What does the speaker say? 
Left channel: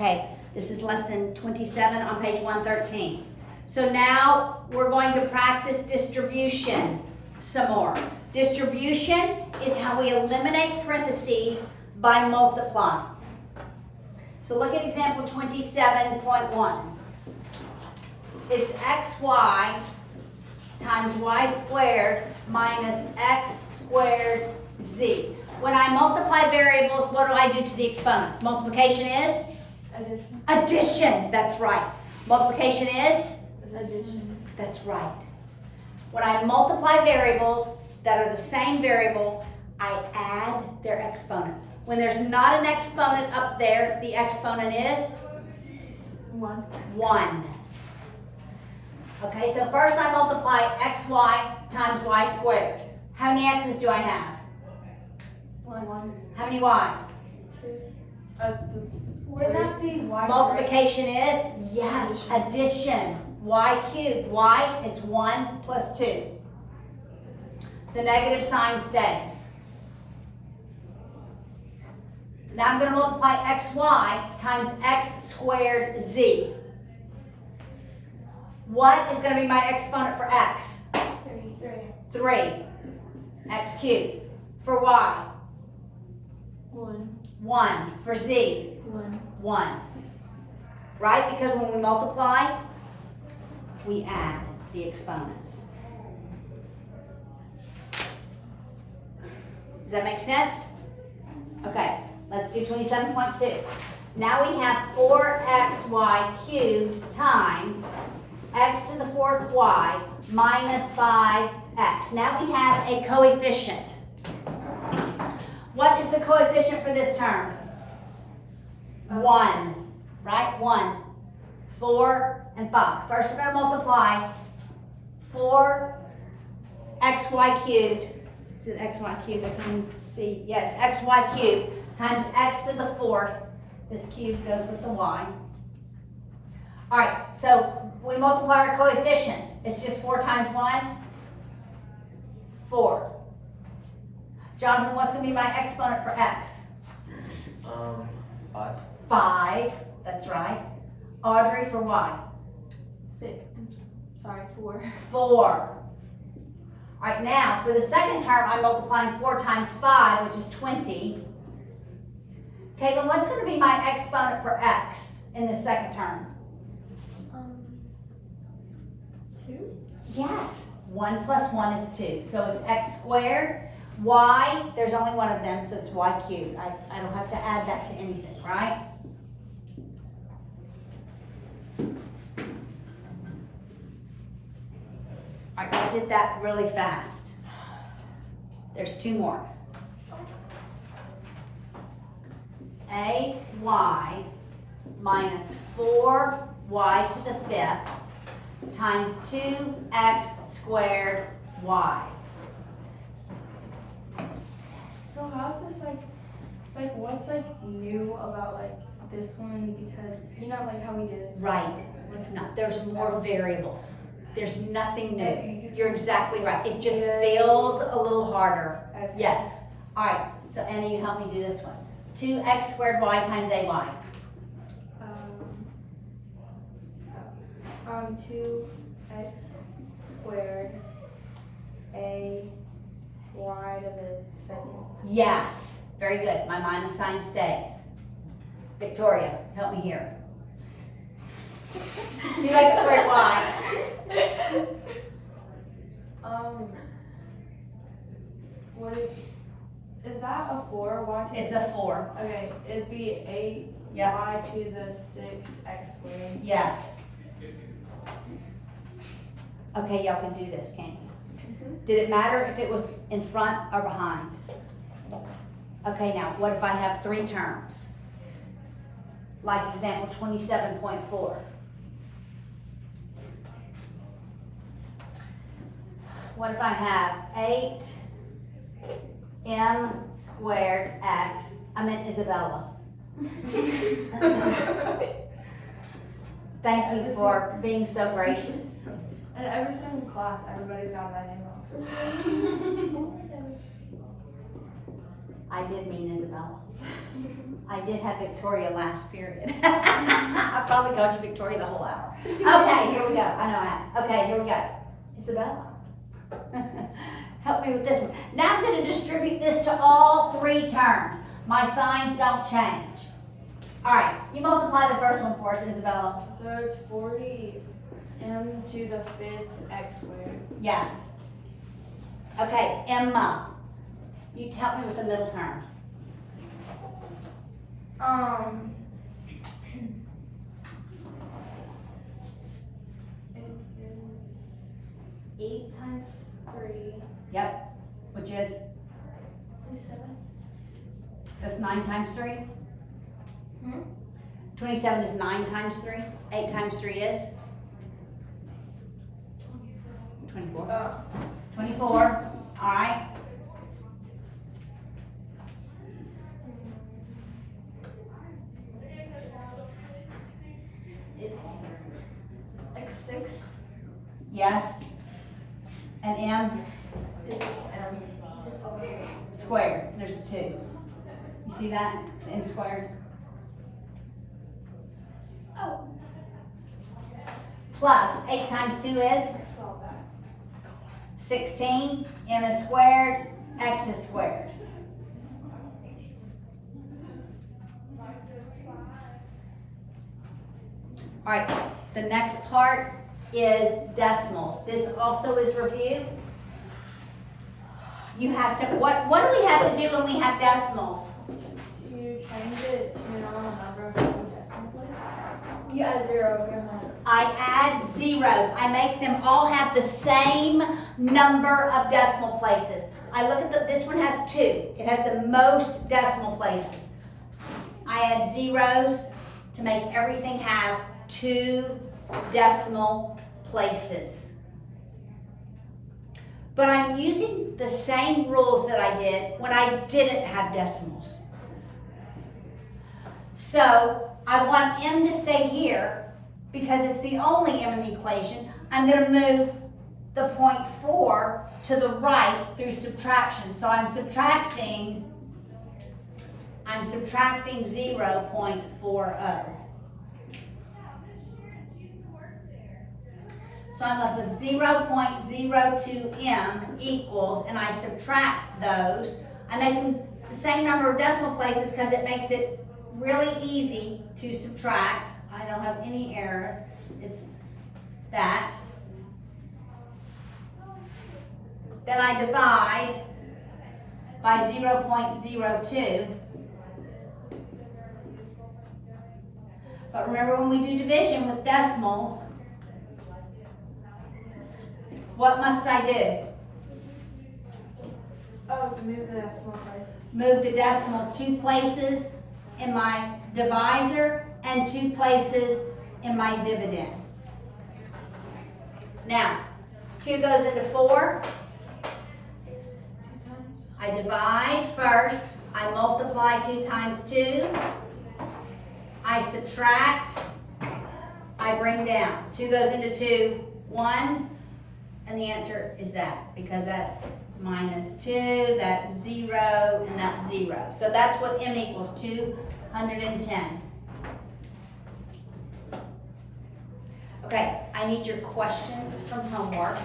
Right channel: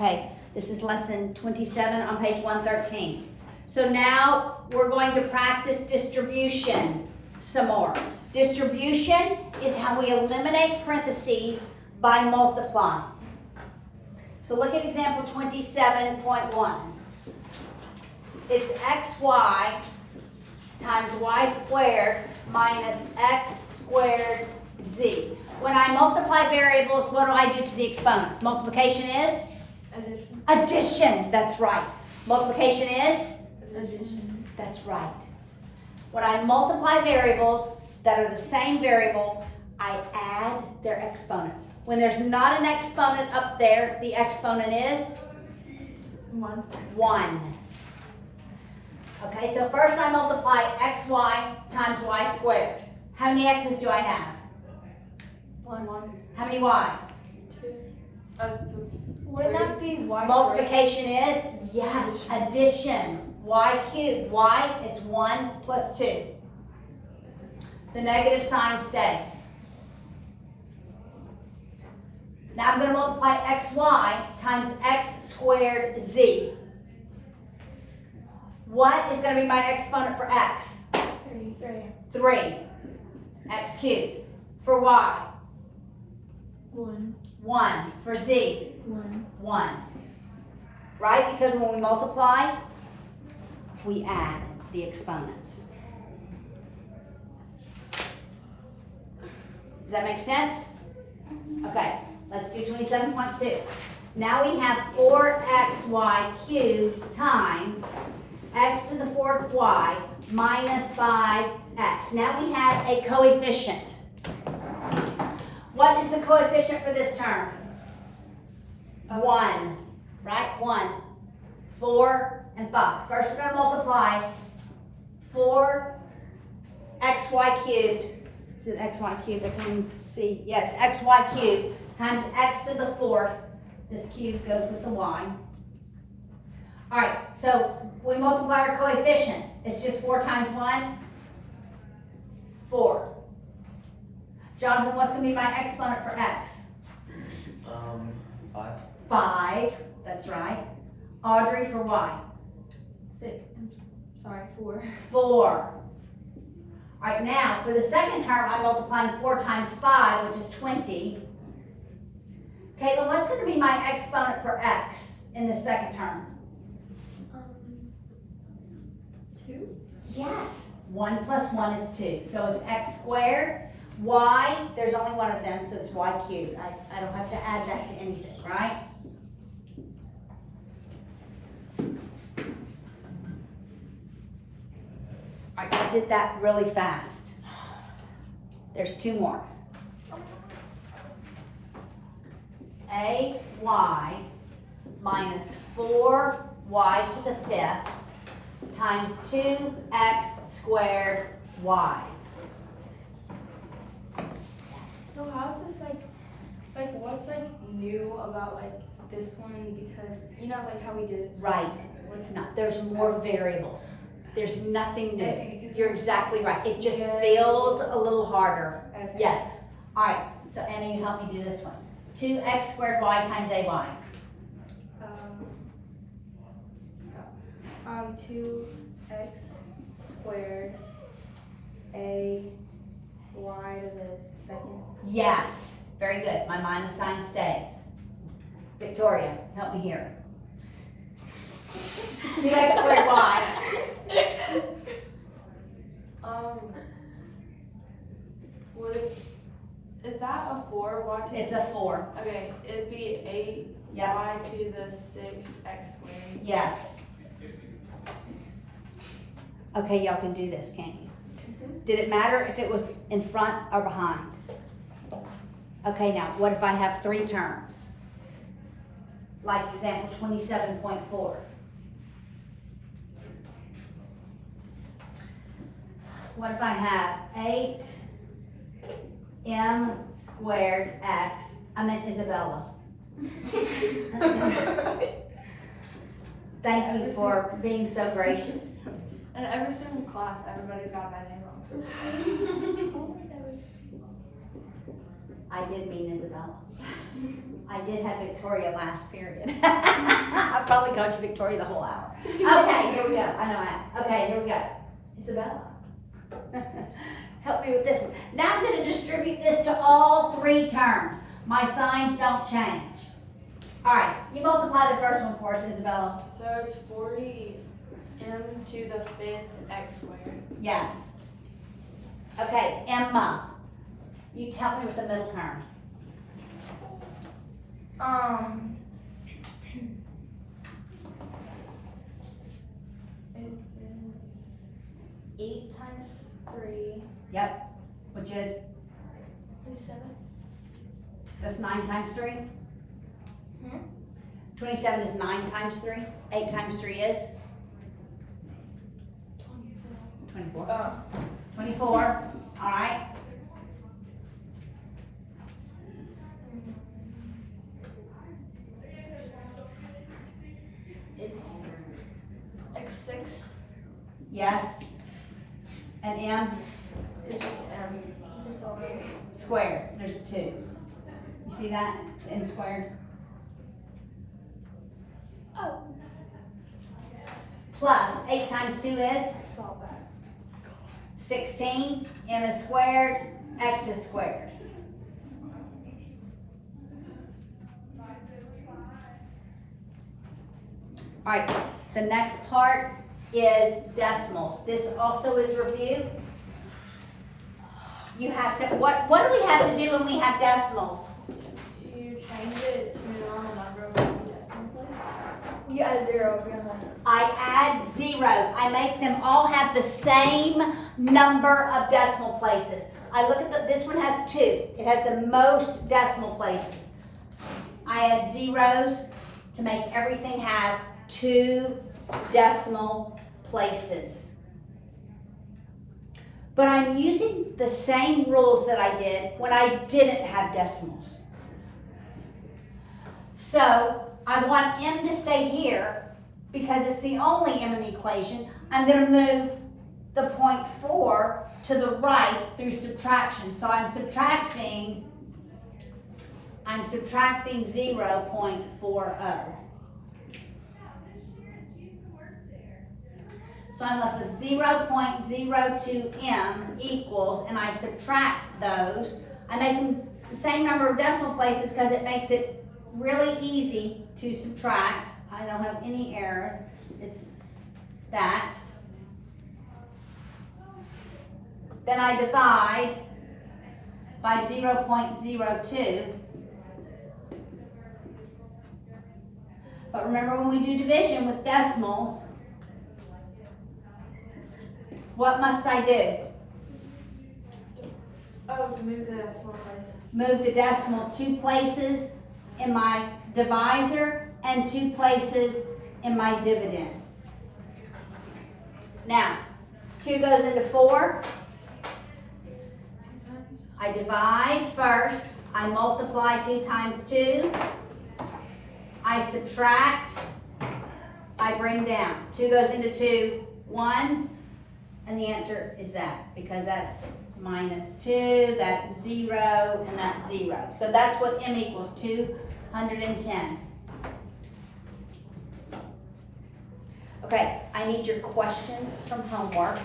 Okay, this is lesson 27 on page 113. So now we're going to practice distribution some more. Distribution is how we eliminate parentheses by multiplying. So look at example 27.1. It's xy times y squared minus x squared z. When I multiply variables, what do I do to the exponents? Multiplication is? Addition. Addition, that's right. Multiplication is? Addition. That's right. When I multiply variables that are the same variable, I add their exponents. When there's not an exponent up there, the exponent is? 1. 1. Okay, so first I multiply xy times y squared. How many x's do I have? 1. How many y's? 2. Wouldn't that be y? Multiplication is? Yes, addition. Y cubed. Y, it's 1 plus 2. The negative sign stays. Now I'm going to multiply xy times x squared z. What is going to be my exponent for x? 3. X cubed. For y? 1. 1. For z? 1. 1. Right? Because when we multiply, we add the exponents. Does that make sense? Okay, let's do 27.2. Now we have 4xy cubed times x to the 4th y minus 5x. Now we have a coefficient. What is the coefficient for this term? 1, right? 1. 4 and 5. First we're going to multiply 4xy cubed. Is it xy cubed? I can see. Yes, xy cubed times x to the 4th. This cube goes with the y. All right, so we multiply our coefficients. It's just 4 times 1? 4. Jonathan, what's going to be my exponent for x? 5. 5. That's right. Audrey, for y? 4. 4. All right, now for the second term, I'm multiplying 4 times 5, which is 20. Caitlin, what's going to be my exponent for x in the second term? 2. Yes. 1 plus 1 is 2. So it's x squared. Y, there's only one of them, so it's y cubed. I don't have to add that to anything, right? All right, I did that really fast. There's 2 more. AY minus 4y to the 5th times 2x squared y. So how's this like what's new about this one, because like how we did it? Right. It's not. There's more variables. There's nothing new. Okay, You're exactly right. It just feels a little harder. Okay. Yes. All right. So Annie, you help me do this one. 2x squared y times AY. 2x squared a y to the second. Yes. Very good. My minus sign stays. Victoria, help me here. 2x squared y. What is that a 4? Y to It's a 4. Okay, it'd be 8 Yep. y to the 6x squared. Yes. Okay, y'all can do this, can't you? Did it matter if it was in front or behind? Okay, now what if I have 3 terms? Like example 27.4. What if I have 8m squared x? I meant Isabella. Thank you for being so gracious. And every single class, everybody's got my name wrong. So. I did mean Isabella. I did have Victoria last period. I probably called you Victoria the whole hour. Okay, here we go. I know I have. Okay, here we go. Isabella. Help me with this one. Now I'm going to distribute this to all three terms. My signs don't change. All right, you multiply the first one for us, Isabella. So it's 40 m to the 5th x squared. Yes. Okay, Emma. You tell me with the middle term. It is 8 times 3 Yep. Which is, is 7. that's 9 times 3? 27 is 9 times 3. 8 times 3 is? 24. 24. All right. It's x6. Yes. And M It's just m. Just all the way. squared. There's a 2. You see that? It's M squared. Oh. Plus 8 times 2 is I saw that. 16. M is squared. X is squared. All right. The next part is decimals. This also is review. You have to, what do we have to do when we have decimals? You change it to a normal number of decimal places. Yeah, 0. I add zeros. I make them all have the same number of decimal places. I look at this one has 2. It has the most decimal places. I add zeros to make everything have 2 decimal places. But I'm using the same rules that I did when I didn't have decimals. So I want M to stay here because it's the only M in the equation. I'm going to move the 0.4 to the right through subtraction. So I'm subtracting 0.40. So I'm left with 0.02 M equals, and I subtract those. I make them the same number of decimal places because it makes it really easy to subtract. I don't have any errors. It's that. Then I divide by 0.02. But remember, when we do division with decimals, what must I do? Oh, move the decimal place. Move the decimal 2 places in my divisor and 2 places in my dividend. Now, 2 goes into 4. 2 times. I divide first. I multiply 2 times 2. I subtract. I bring down. 2 goes into 2, 1. And the answer is that, because that's -2, that's 0, and that's 0. So that's what M equals, 210. Okay, I need your questions from homework.